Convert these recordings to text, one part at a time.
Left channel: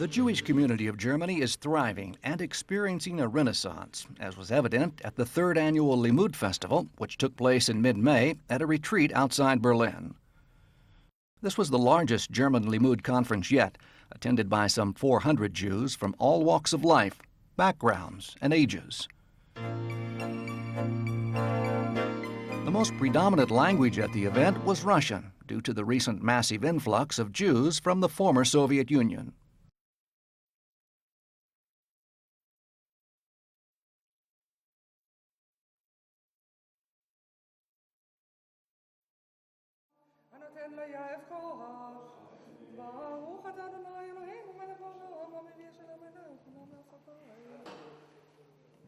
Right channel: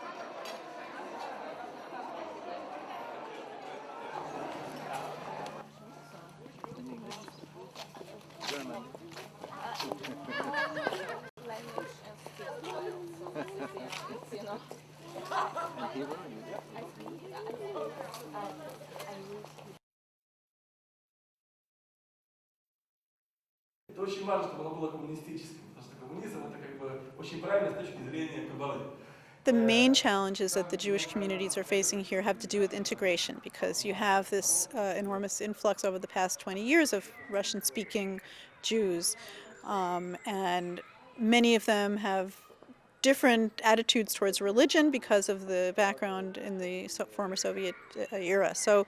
The Jewish community of Germany is thriving and experiencing a renaissance, as was evident at the third annual Limud Festival, which took place in mid-May at a retreat outside Berlin. This was the largest German Limud conference yet, attended by some 400 Jews from all walks of life, backgrounds, and ages. The most predominant language at the event was Russian, due to the recent massive influx of Jews from the former Soviet Union. The main challenges that the Jewish communities are facing here have to do with integration, because you have this enormous influx over the past 20 years of Russian-speaking Jews, and many of them have different attitudes towards religion because of the background in the former Soviet era. So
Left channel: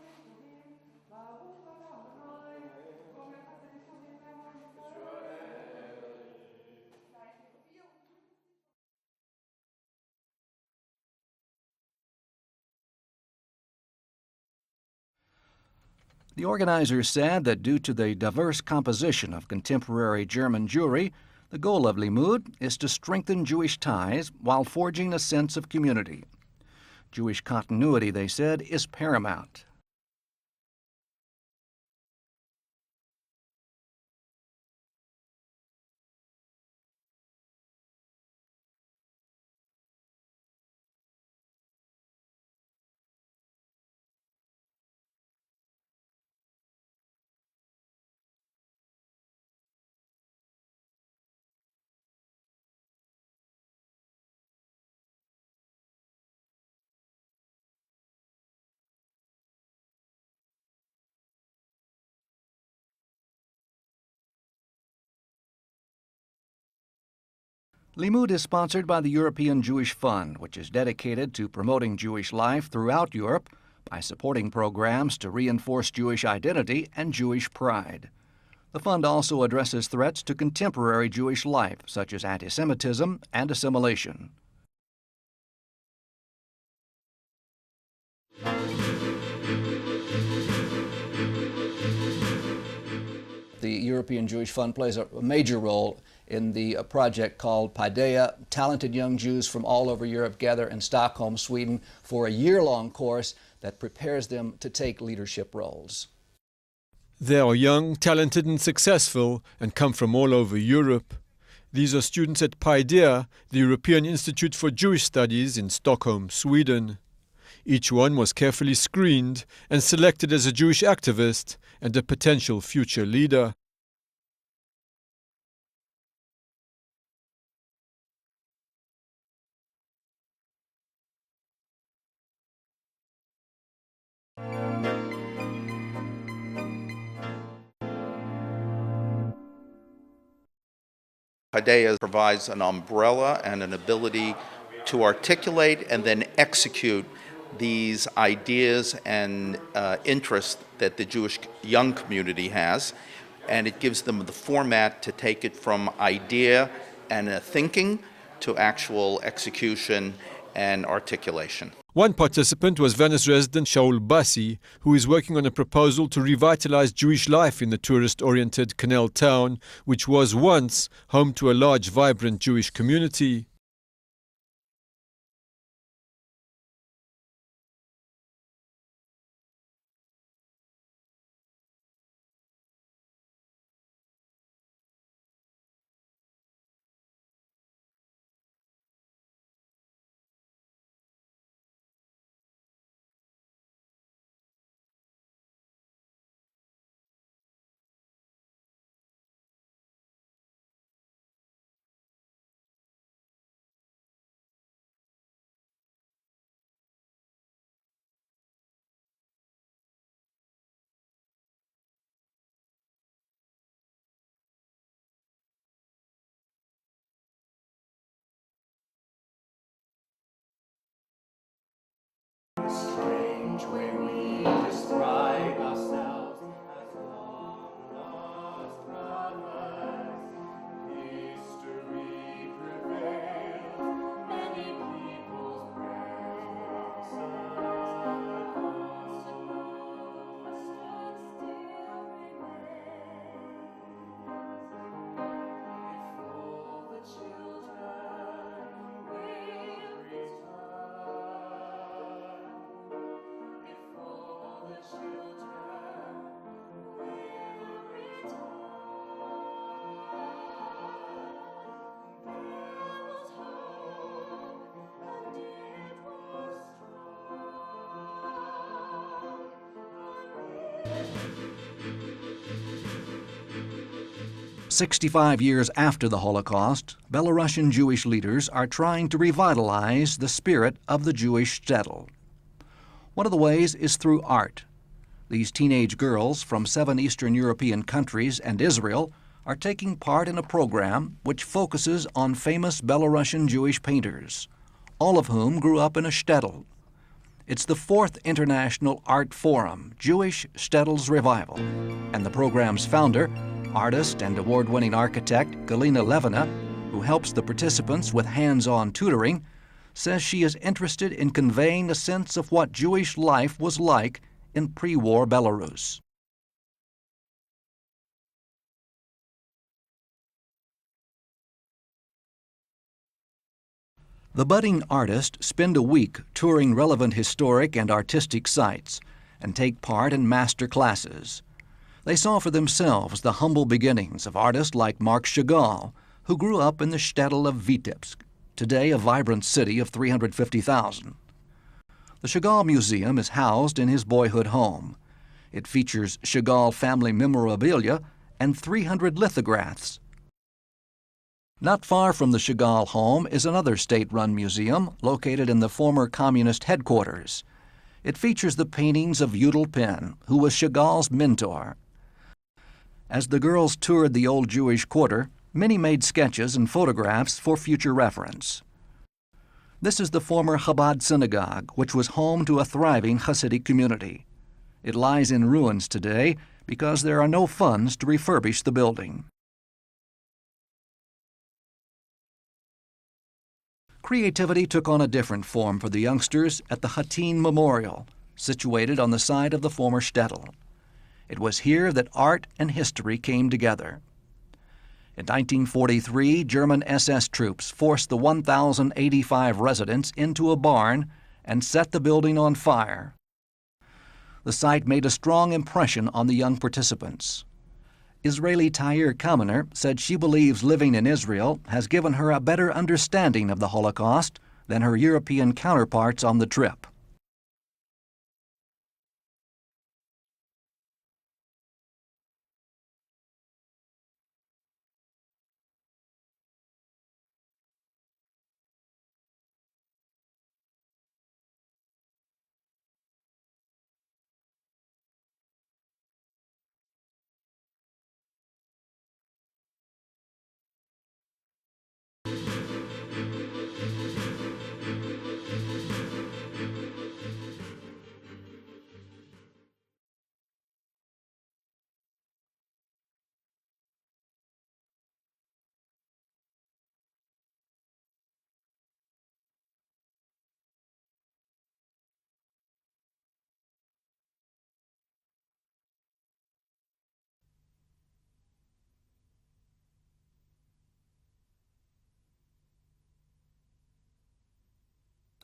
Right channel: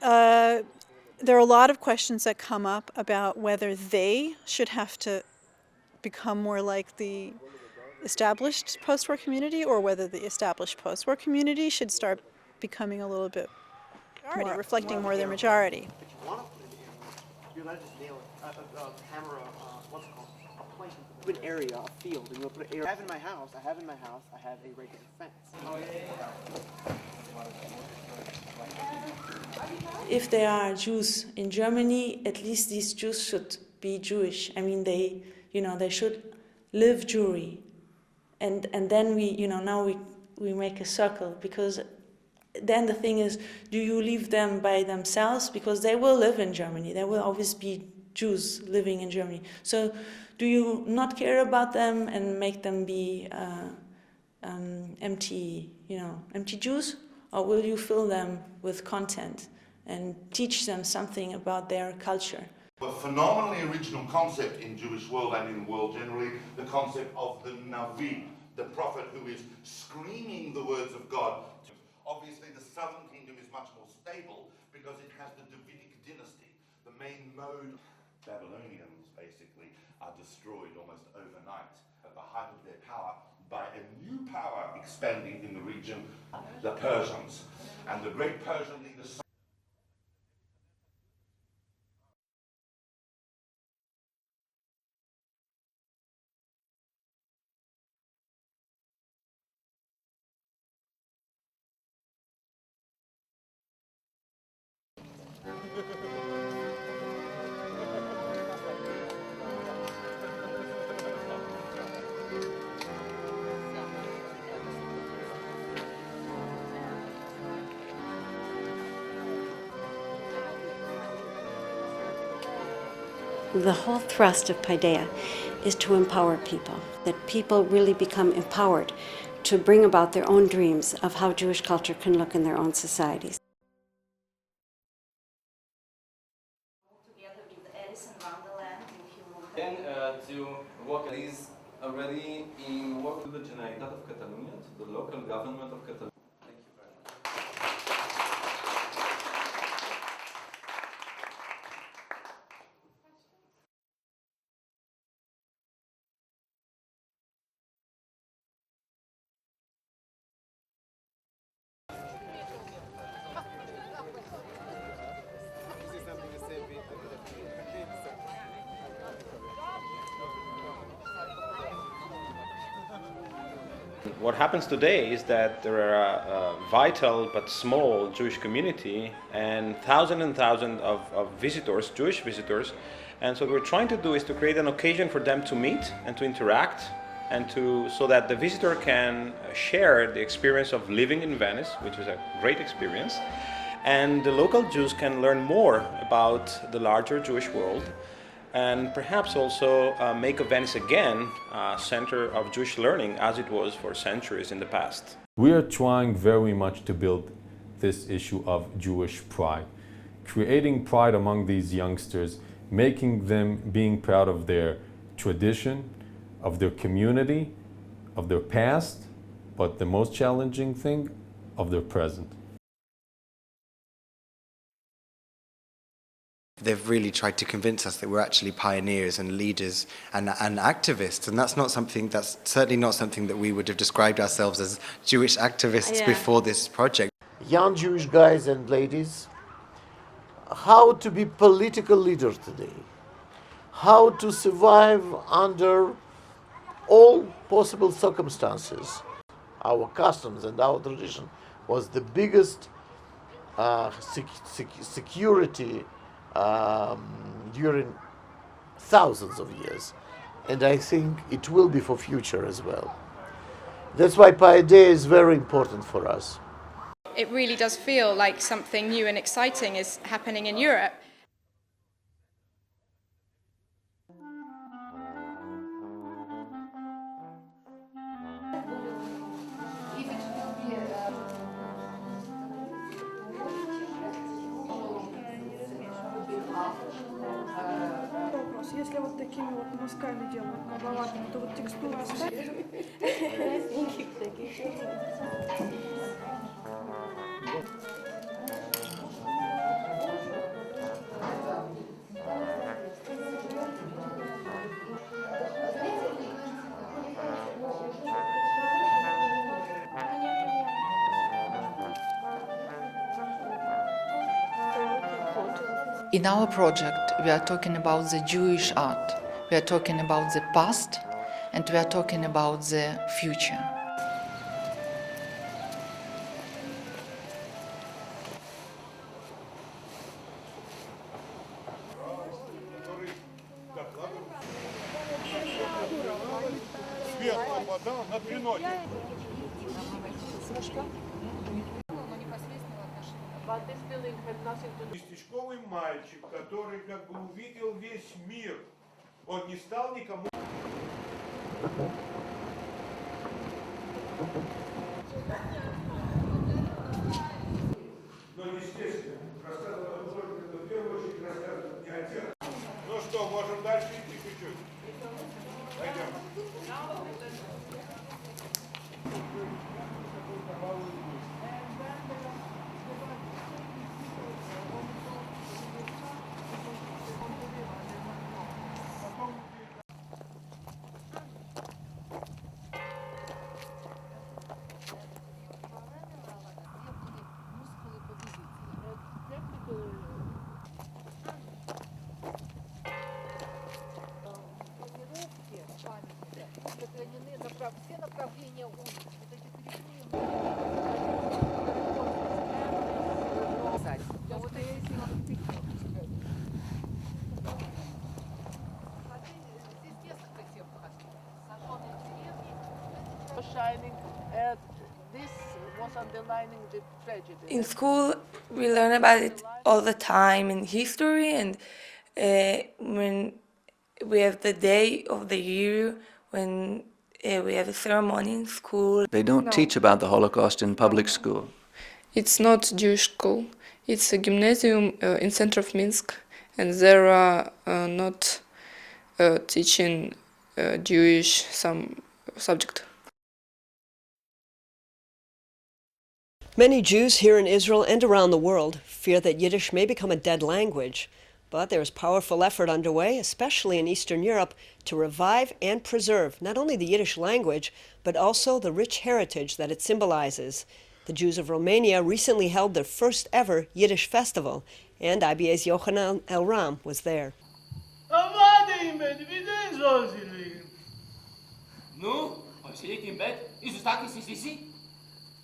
there are a lot of questions that come up about whether they should have to become more like the established post-war community, or whether the established post-war community should start becoming a little bit more, reflecting more their majority. The organizers said that due to the diverse composition of contemporary German Jewry, the goal of Limud is to strengthen Jewish ties while forging a sense of community. Jewish continuity, they said, is paramount. If there are Jews in Germany, at least these Jews should be Jewish. I mean, they should live Jewry. And then now we make a circle, because then the thing is, do you leave them by themselves? Because they will live in Germany. There will always be Jews living in Germany. So do you not care about them and make them be empty Jews? Or will you fill them with content and teach them something about their culture? A phenomenally original concept in Jewish world and in the world generally, the concept of the Navi. Limud is sponsored by the European Jewish Fund, which is dedicated to promoting Jewish life throughout Europe by supporting programs to reinforce Jewish identity and Jewish pride. The fund also addresses threats to contemporary Jewish life, such as anti-Semitism and assimilation. Power expanding in the region, the Persians and the great Persians. The European Jewish Fund plays a major role in the project called Paideia. Talented young Jews from all over Europe gather in Stockholm, Sweden, for a year-long course that prepares them to take leadership roles. They are young, talented and successful and come from all over Europe. These are students at Paideia, the European Institute for Jewish Studies in Stockholm, Sweden. Each one was carefully screened and selected as a Jewish activist and a potential future leader. The whole thrust of Paideia is to empower people, that people really become empowered to bring about their own dreams of how Jewish culture can look in their own societies. Paideia provides an umbrella and an ability to articulate and then execute these ideas and interests that the Jewish young community has, and it gives them the format to take it from idea and thinking to actual execution and articulation. One participant was Venice resident Shaul Bassi, who is working on a proposal to revitalize Jewish life in the tourist-oriented canal town, which was once home to a large, vibrant Jewish community. What happens today is that there are a vital but small Jewish community and thousands of visitors, Jewish visitors. And so what we're trying to do is to create an occasion for them to meet and to interact, and so that the visitor can share the experience of living in Venice, which is a great experience, and the local Jews can learn more about the larger Jewish world, and perhaps also make of Venice again a center of Jewish learning as it was for centuries in the past. We are trying very much to build this issue of Jewish pride, creating pride among these youngsters, making them being proud of their tradition, of their community, of their past, but the most challenging thing, of their present. They've really tried to convince us that we're actually pioneers and leaders and activists, and that's certainly not something that we would have described ourselves as Jewish activists before this project. Young Jewish guys and ladies, how to be political leaders today, how to survive under all possible circumstances. our customs and our tradition was the biggest security during thousands of years, and I think it will be for future as well. That's why Paideia is very important for us. It really does feel like something new and exciting is happening in Europe. 65 years after the Holocaust, Belarusian Jewish leaders are trying to revitalize the spirit of the Jewish shtetl. One of the ways is through art. These teenage girls from 7 Eastern European countries and Israel are taking part in a program which focuses on famous Belarusian Jewish painters, all of whom grew up in a shtetl. It's the 4th International Art Forum, Jewish Shtetls Revival, and the program's founder, artist and award-winning architect Galina Levina, who helps the participants with hands-on tutoring, says she is interested in conveying a sense of what Jewish life was like in pre-war Belarus. In our project, we are talking about the Jewish art. We are talking about the past, and we are talking about the future. The budding artists spend a week touring relevant historic and artistic sites and take part in master classes. They saw for themselves the humble beginnings of artists like Marc Chagall, who grew up in the shtetl of Vitebsk, today a vibrant city of 350,000. The Chagall Museum is housed in his boyhood home. It features Chagall family memorabilia and 300 lithographs. Not far from the Chagall home is another state-run museum located in the former communist headquarters. It features the paintings of Yudel Pen, who was Chagall's mentor. As the girls toured the old Jewish quarter, many made sketches and photographs for future reference. This is the former Chabad synagogue, which was home to a thriving Hasidic community. It lies in ruins today because there are no funds to refurbish the building. Creativity took on a different form for the youngsters at the Hattin Memorial, situated on the site of the former shtetl. It was here that art and history came together. In 1943, German SS troops forced the 1,085 residents into a barn and set the building on fire. The site made a strong impression on the young participants. Israeli Tahir Kamener said she believes living in Israel has given her a better understanding of the Holocaust than her European counterparts on the trip. In school, we learn about it all the time in history, and when we have the day of the year, when we have a ceremony in school. They don't teach about the Holocaust in public school. It's not Jewish school. It's a gymnasium in center of Minsk, and there are not teaching Jewish some subject. Many Jews here in Israel and around the world fear that Yiddish may become a dead language, but there is powerful effort underway, especially in Eastern Europe, to revive and preserve not only the Yiddish language, but also the rich heritage that it symbolizes. The Jews of Romania recently held their first ever Yiddish festival, and IBA's Yochanan Elram was there.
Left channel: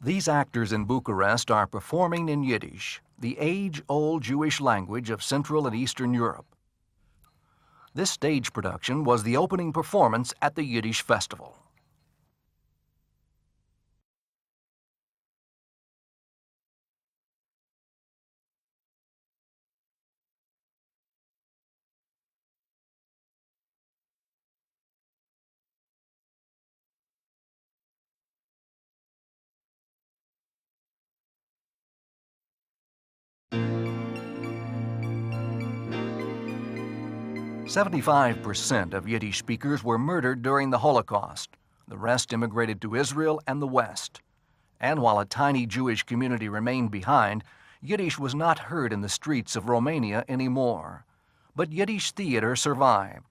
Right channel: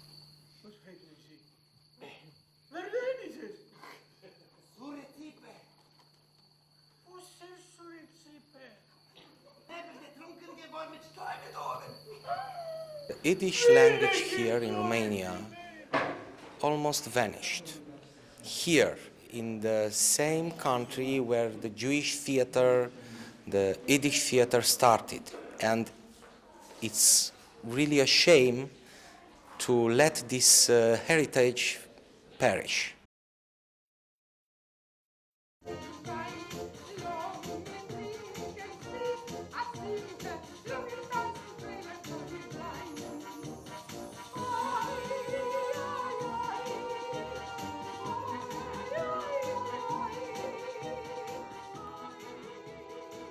These actors in Bucharest are performing in Yiddish, the age-old Jewish language of Central and Eastern Europe. This stage production was the opening performance at the Yiddish Festival. The Yiddish language here in Romania almost vanished. Here, in the same country where the Jewish theater, the Yiddish theater started. And it's really a shame to let this heritage perish. 75% of Yiddish speakers were murdered during the Holocaust. The rest immigrated to Israel and the West. And while a tiny Jewish community remained behind, Yiddish was not heard in the streets of Romania anymore. But Yiddish theater survived.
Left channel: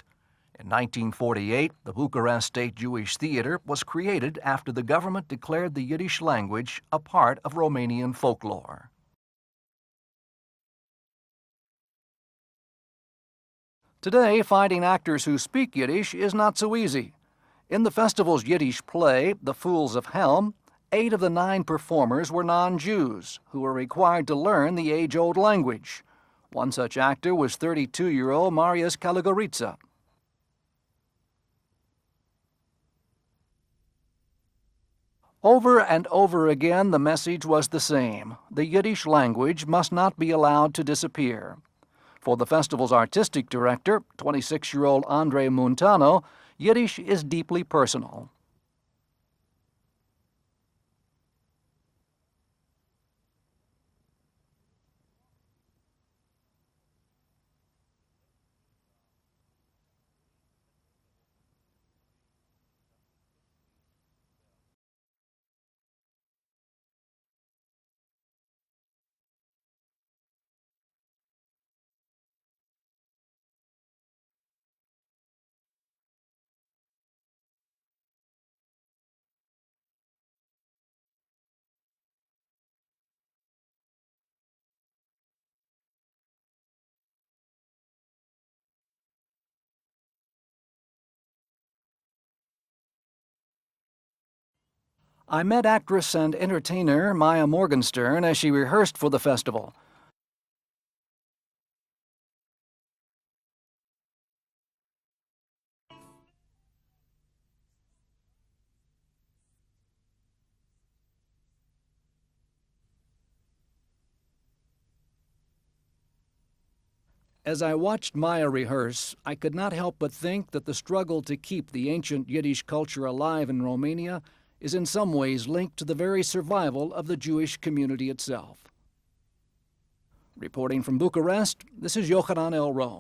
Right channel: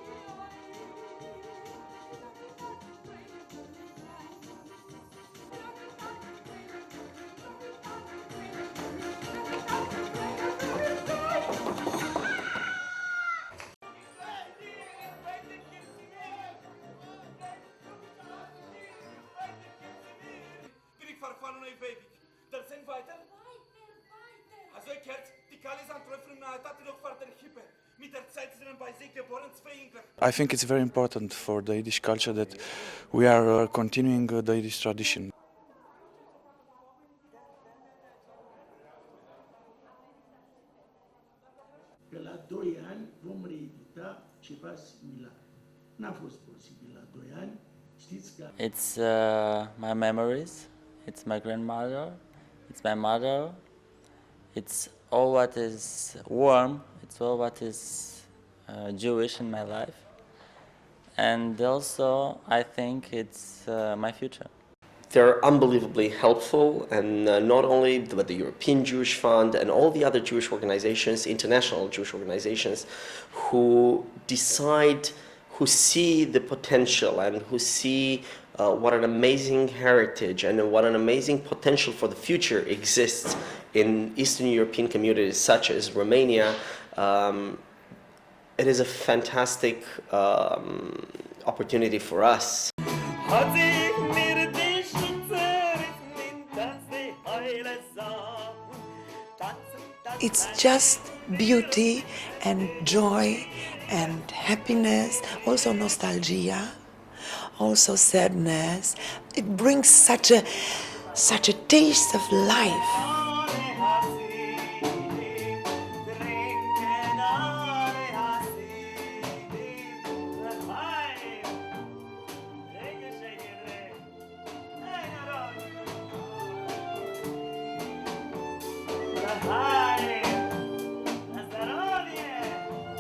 In 1948, the Bucharest State Jewish Theater was created after the government declared the Yiddish language a part of Romanian folklore. Today, finding actors who speak Yiddish is not so easy. In the festival's Yiddish play, The Fools of Helm, 8 of the 9 performers were non-Jews who were required to learn the age-old language. One such actor was 32-year-old Marius Kalogoritsa. I think it's very important for the Yiddish culture that we are continuing the Yiddish tradition. Over and over again, the message was the same. The Yiddish language must not be allowed to disappear. For the festival's artistic director, 26-year-old Andre Montano, Yiddish is deeply personal. It's my memories, it's my grandmother, it's my mother, it's all what is warm, it's all what is Jewish in my life. And also, I think it's my future. They're unbelievably helpful, and not only but the European Jewish Fund and all the other Jewish organizations, international Jewish organizations, who decide, who see the potential and who see what an amazing heritage and what an amazing potential for the future exists in Eastern European communities such as Romania. It is a fantastic opportunity for us. I met actress and entertainer Maya Morgenstern as she rehearsed for the festival. It's just beauty and joy and happiness, also nostalgia, also sadness. It brings such a taste of life. As I watched Maya rehearse, I could not help but think that the struggle to keep the ancient Yiddish culture alive in Romania is in some ways linked to the very survival of the Jewish community itself. Reporting from Bucharest, this is Yochanan El Rome.